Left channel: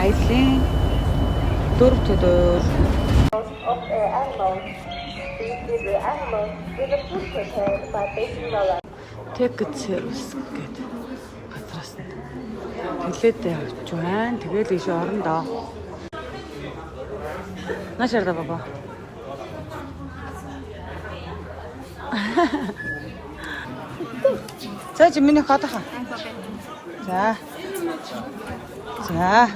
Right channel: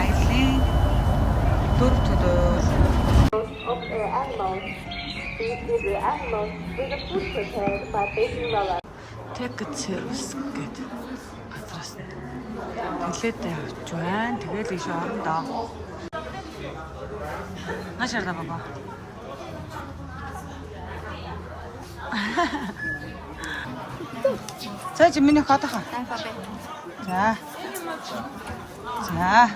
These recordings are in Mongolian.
аяллаа 4 төлөөр. Ticket service гэдэг газраас нь тэлээд явж байна. Тэгэл ийш орондоо. Нашарда баба. За чи миний хатаха. За. За.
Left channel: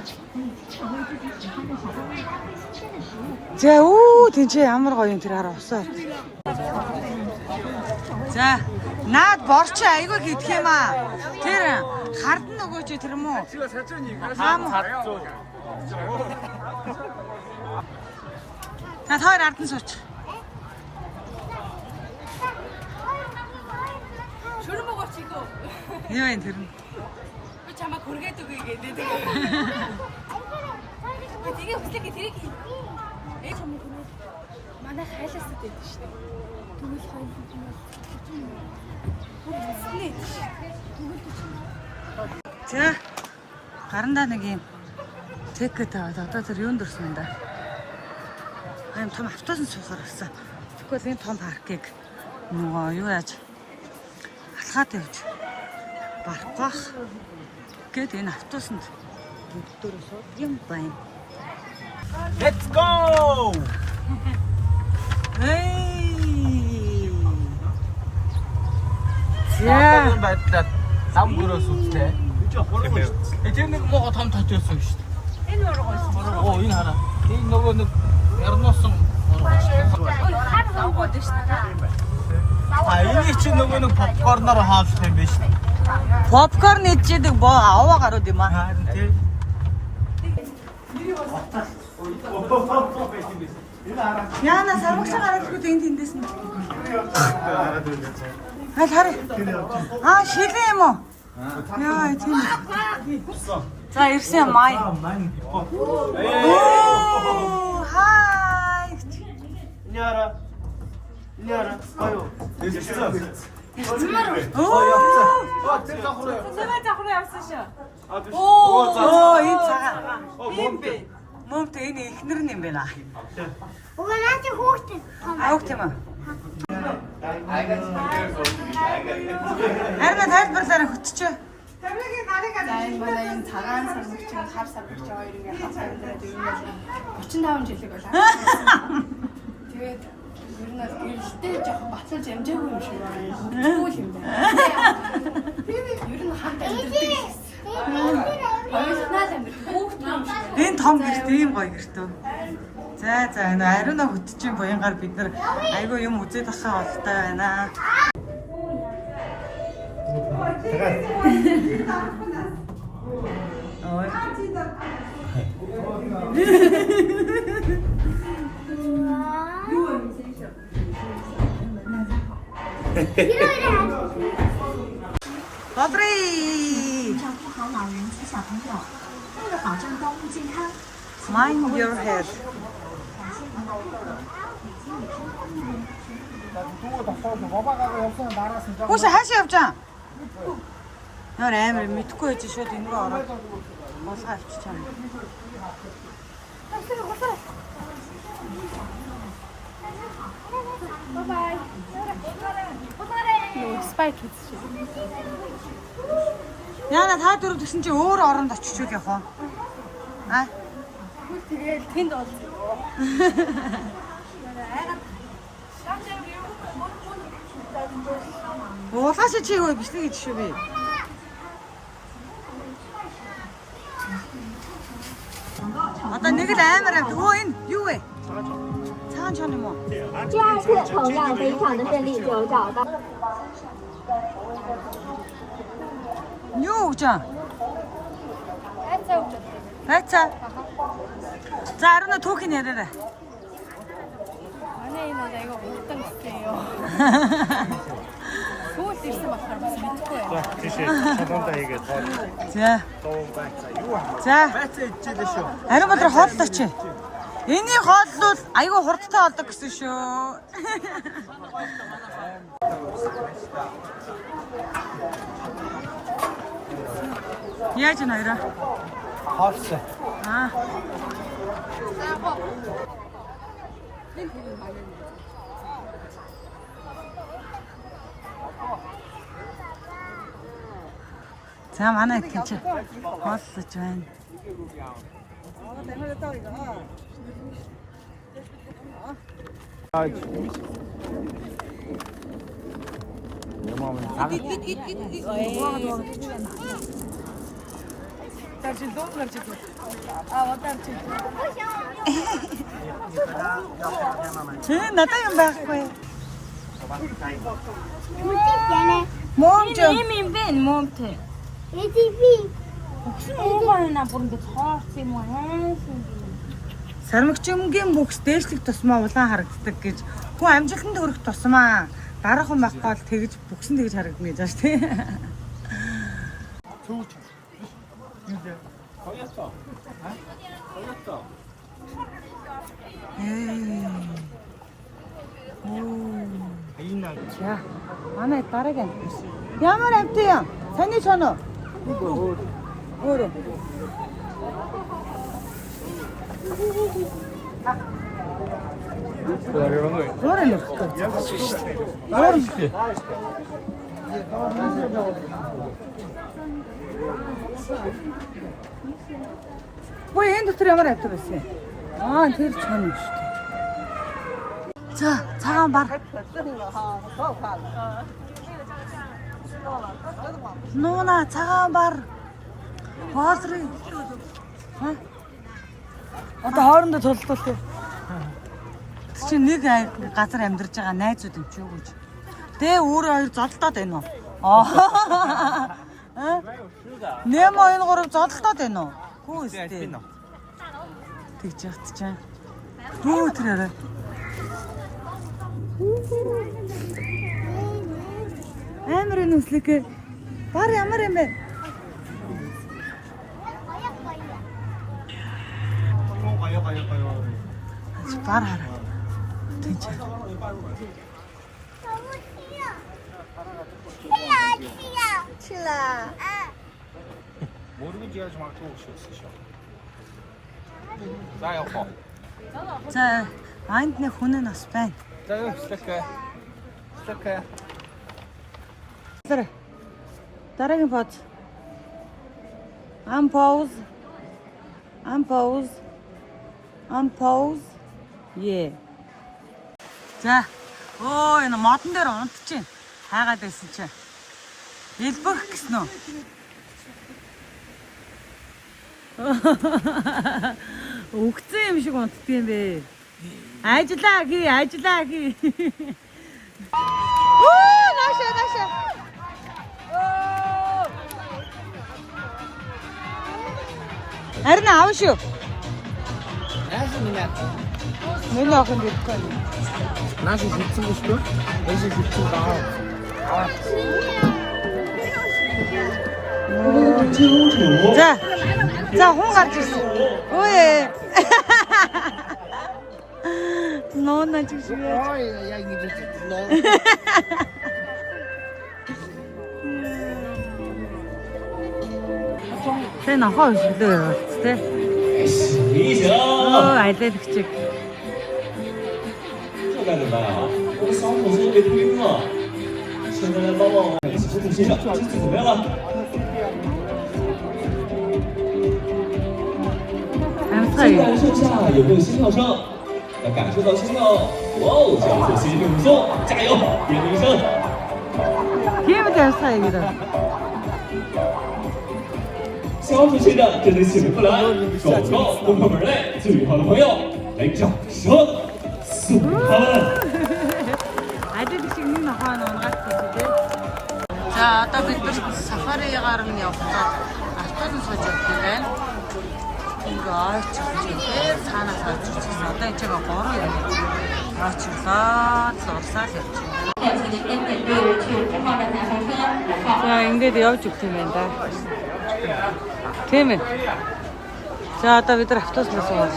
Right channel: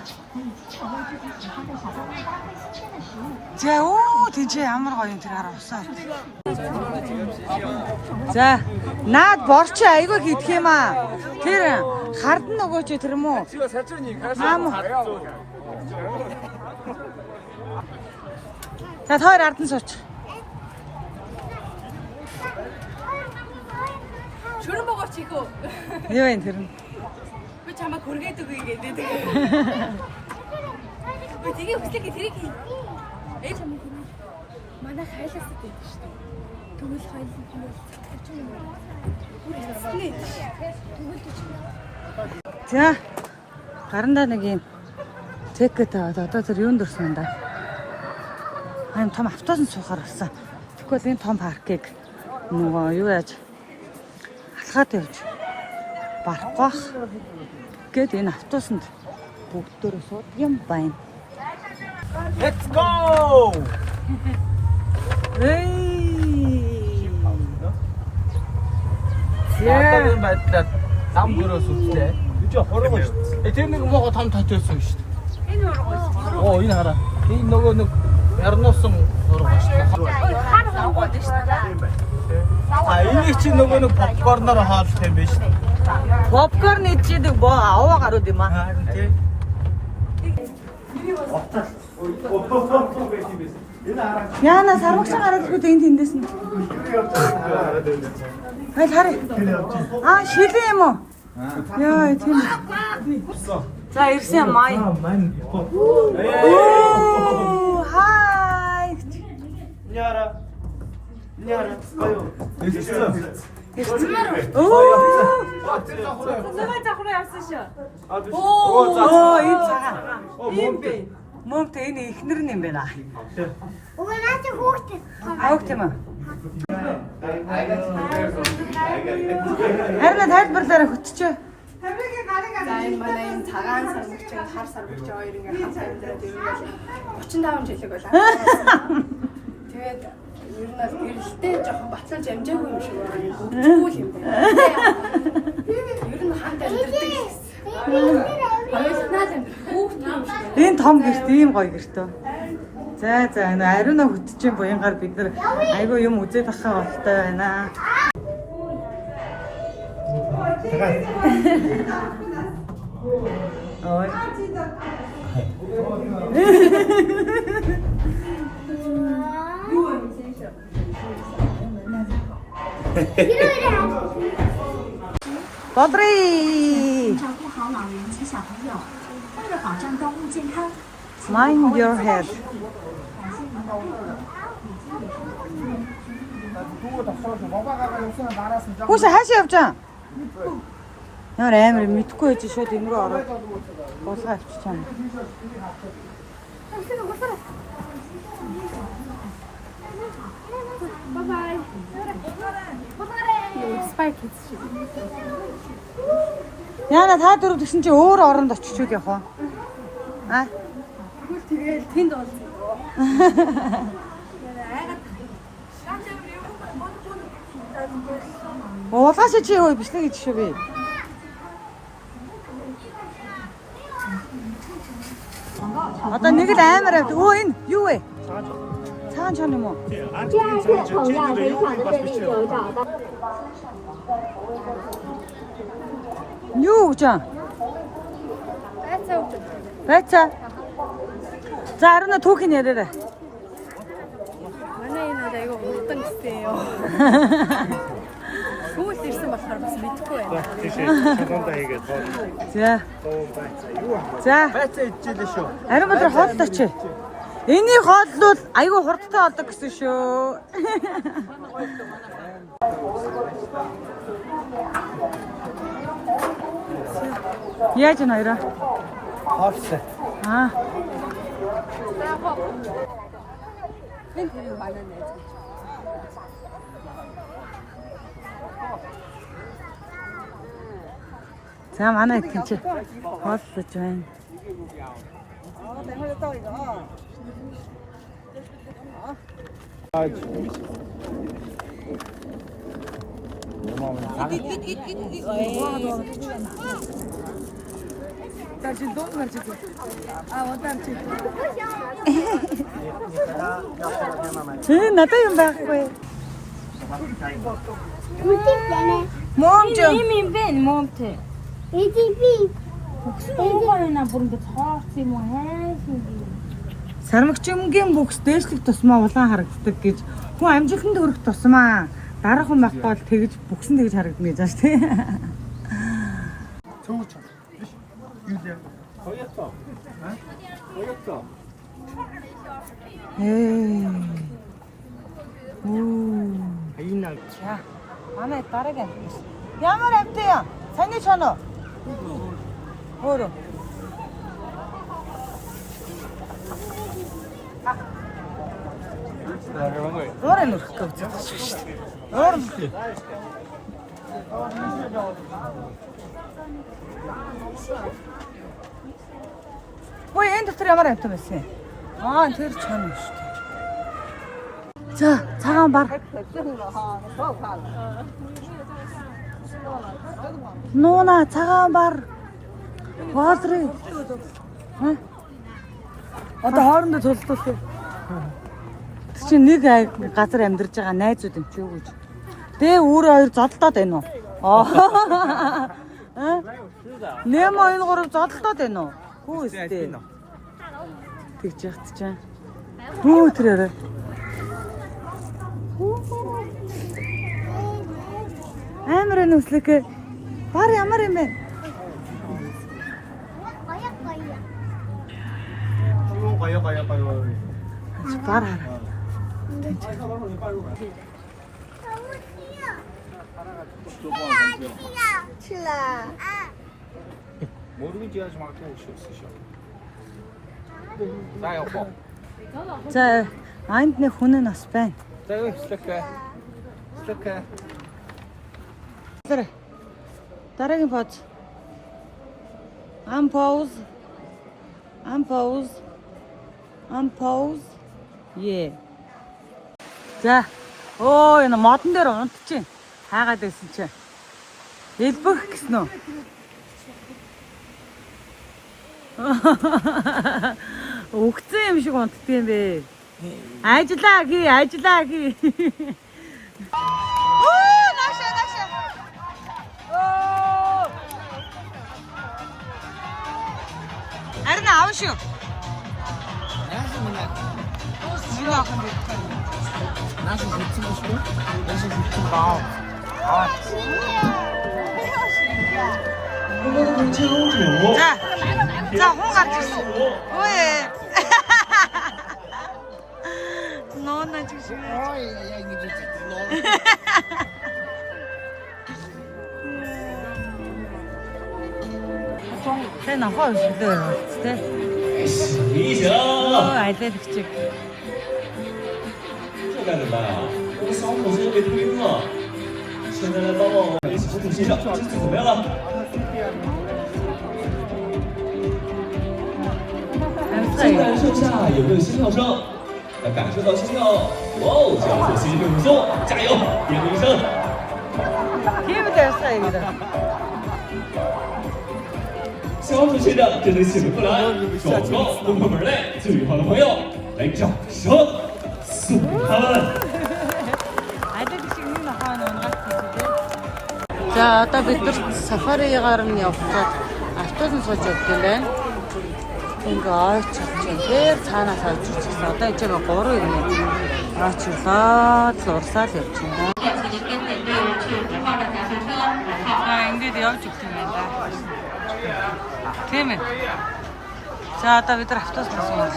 За үү тэнцээ ямар гоё юм тэр хараа усаа. За наад борч айгүй гидх юм аа. Тэр хард нөгөө ч тэр юм уу? Аам. За хоёр ардан сууч. Шүрэн богооч ийхүү. Юу вэ тэр нь? Би чамаа хүргээд үгүй гэдэг. Би тэгээ хүслэгээ тэрийг ээ чамаа хүргээд манай хайлаас гэдэг шүү дээ. Тэгвэл хайлсан юм. Бүр ясны. Тэгвэл чинь. За гарандаа нэг юм тикет аваад одоо тэр юунд орсон юм да? Аим том автобус суухаар болсон. Тэгвэл энэ том паркыг нөгөө юу яаж алхаад явж барах гээд энэ автобусанд бүгдөө сууд юм байна. Let's go! Эй! Яагаад байдлаа зам дөрөөс үзлээ. Үгүй хорогоо шүү дээ. Тэр нэг мого том татчихсан шүү дээ. Энэ хорогоо шүү. Оо энэ хараа. Энэ нөгөө нэг ярнуусан хорогоо шүү дээ. Хар хаваад шүү дээ. А энийг чи нөгөө нэг попкорноор хаалах юм биш үү? Попкорн идчихдэг боо аваа гарууд юм аа. Харин тий. Яна сарвагсан гараад ирээд энэ тэндээс нь. Хай харъя. Аа шилээ юм уу? Яа тийм. За ирсэн май. Оо хай. Няра. Оо Нэмэр захруу явсан шүү. оо энэ цагаан. Мөмт энэ ихнэр нь юм байна. Хавт юм аа. Харин тайлбарлаараа хөтчөө. Энэ манай энэ цагаан сармагч, хар сармагч хоёр ингээ хатаа өндрөөд ер нь 35 жилиг болоо. Тэгээд ер нь гэрэлтэй жоохон батлаж амжаагүй юм шиг байна. Бүгдгүй юм байна. Ер нь хамт амьддаг. Энэ том гэрт ийм гоё гэртөө. За энэ ариуна хөтчийн буянгаар бид нар айгүй юм үзээд ахаа болтой байна. Ой. Бодри. Mind your head. Хөөс хаашаа явж байгаа? Ямар амар мэдхгүй байж шууд энэ рүү ороод болгоо авчихсан. Bye. Спайк хийсэн. Яна та дөрөв гэсэн чи өөр оронд очиж үг явах уу? Аа? Тэгэл тэнд олсон. Уулгаас чи юу биш нэг гэж шүү би. Одоо нэг л амар өө энэ юу вэ? Цаан чон юм уу? 第二次同样非常的顺利，有找到。 Юу гэж аа? Байцаа. За арина түүхийн яриараа. Манай энэ одоо айгаа урдан гэстэйё. Сүүл ирсэн болохоор бас мэдгүй юу. За. За. Байцаа идчихлээ шүү. Ариун бодроо хооллоо чи. Энийг хооллол айгүй хурдтай болдог гэсэн шүү. Яаж нэрэ? Хоолсон. Аа. За манай итгэж хооллож байна. Надад юм байхгүй. Ийм байна монте. Сармагчингийн бүкс дээшлэх тусмаа улаан харагддаг гэж. Хүн амжилтанд хүрэх тусмаа дараах хүн байхгүй бол тэгж бүксэн тэгж харагдана гэж байна тий. За манай дараагийн амт. Ямар амт юм? Сони соно. Өөр. Өөр юм уу? Өөр. Ой, энэ дотор ямар амт байсан юм? Аа, тэр чанаа шүү дээ. За, цагаан бар. Нуна цагаан бар. Хоолрыг. Ха? Одоо хоорондоо төлөвлөлт. Чи нэг газар амьдарч байгаа найзууд юм чи юу гэж. Тэ өөрөө хоёр зодтолдоод байна уу? Аа. Нэм энэ гурав зодтолдоод байна уу? Хүү өстэй. Тэгж ягт чам. Хүү тэрээрээ. Амар нүслэг. Бар ямар юм бэ? Бар хараа. За, анд нэг хүн нь бас байна. Дараагийн поз. Unpause. Yeah. За. Оо, энэ модон дээр унтчихин. Хаагаад байсан чинь. Элбэх гэсэн үү? Өгцөн юм шиг унтдаг юм бэ. Ажиллаа гээ. Оо, наашаа. Харин аав шүү. Миний охин дэрхгүй. Наас хийсэн биш үү? Наас хийсэн баа. За хүн гарч ирсэн. Ой. Нона чишээ. Ой, яа ингэж нона. Тэ нахаа өсөлөө тэ. Айлэгчиг. 干什么呀？我的伤口是被推了，现在来帮我一起处理一下，这怎么样了？先感受下有没有心跳声，要感受到心跳，哇哦，这样做心率很松，加油，点名声。 小组学长真的醒不来，广告不破门类，最好的朋友来掌声送他们。 За одоо бид нар сафаригаар нь явхад автобус сууж явдаг байна. Ингээ ойчилж байна. Цаанаас ойчилж байна. Одоо энэ жагаа 3 юм. Ойчлоод урсаад явж байна. За ингээд явж өгч юм байна да. Тийм ээ. За одоо бид нар автобус суугаад.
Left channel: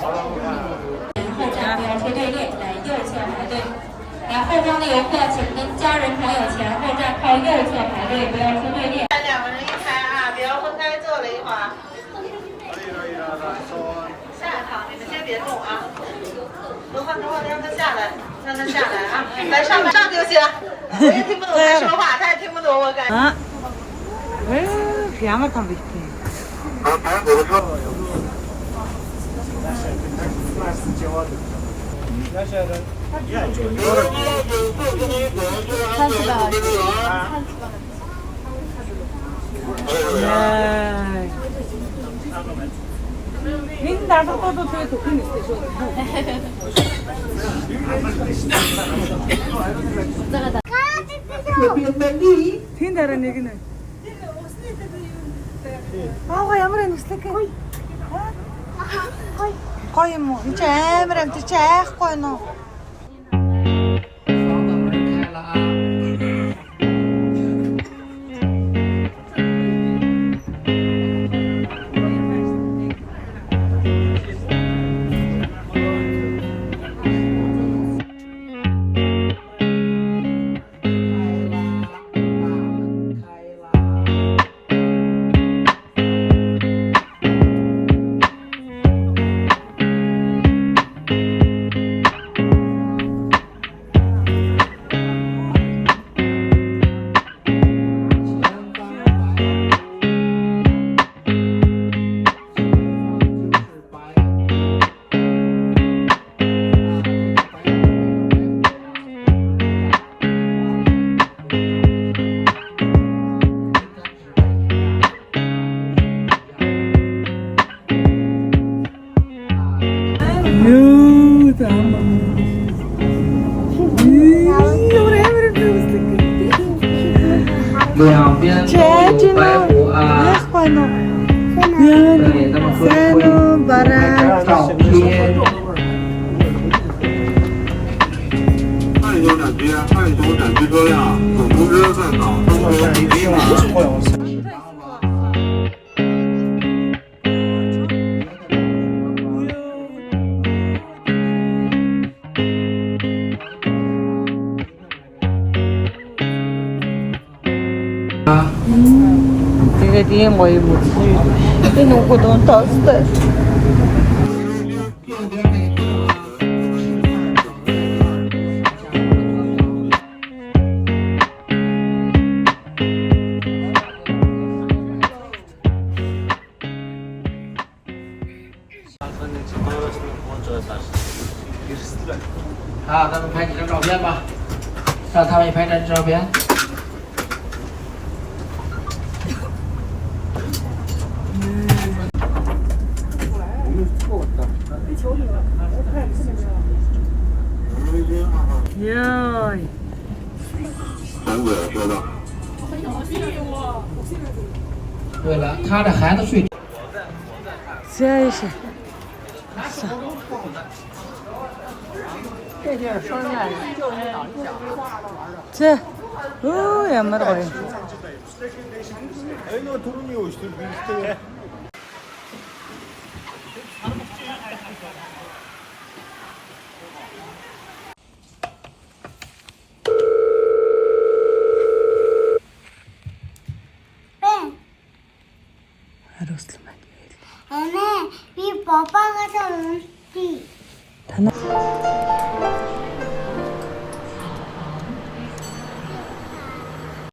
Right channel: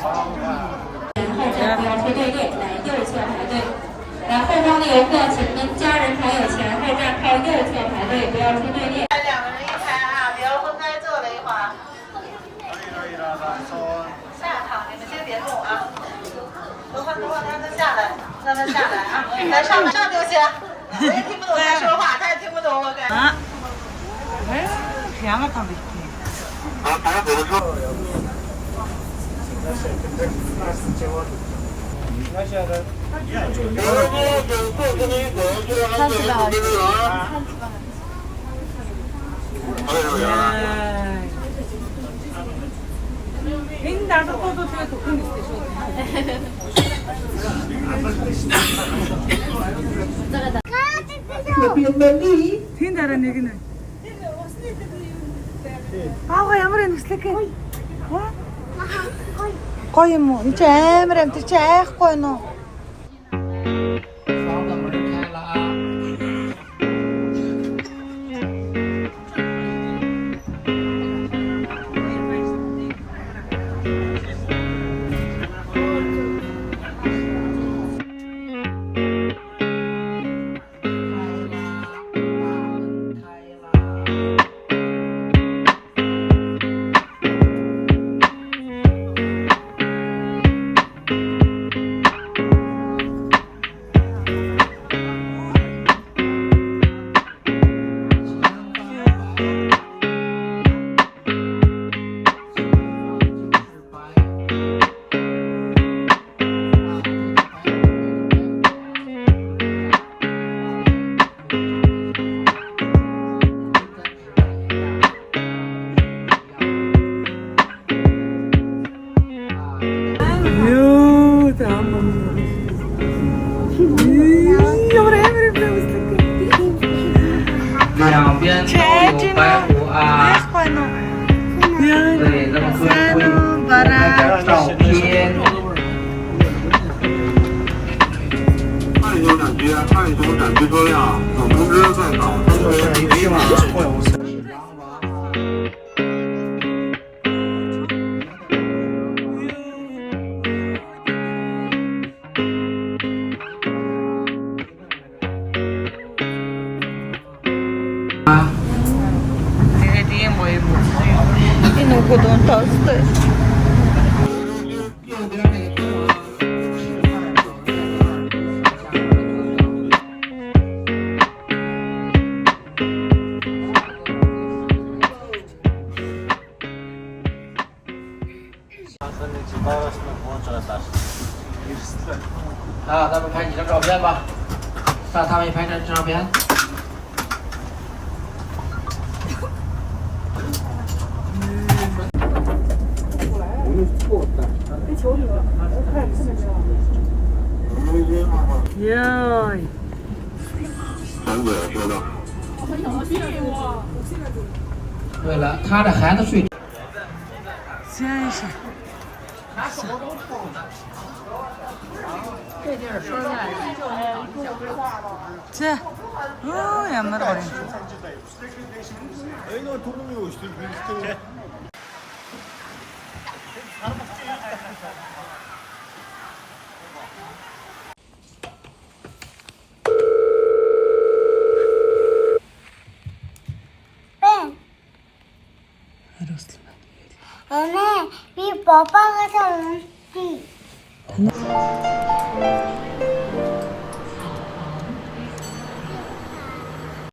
然后后方的游客，请跟家人朋友前后站靠右侧排队，不要分队列。2个人一排啊，不要分开坐了一会儿。 아, 양을 다 밑에. 나도 또도 되게 독한 있어. Тиндараа нэг нь. Ямар юм өслөг. Гоё юм уу? Энд чи амар амт чи айхгүй нөө. Тэгээд ийм гоё юм уу? Энэ угод онтоостой.咱们拍几张照片吧，让他们拍张照片。 Йой. 闪鬼了，说的。对了，他的孩子睡。 Зяйш. За. Оо ямар гоё. Anne, bir baba kadar.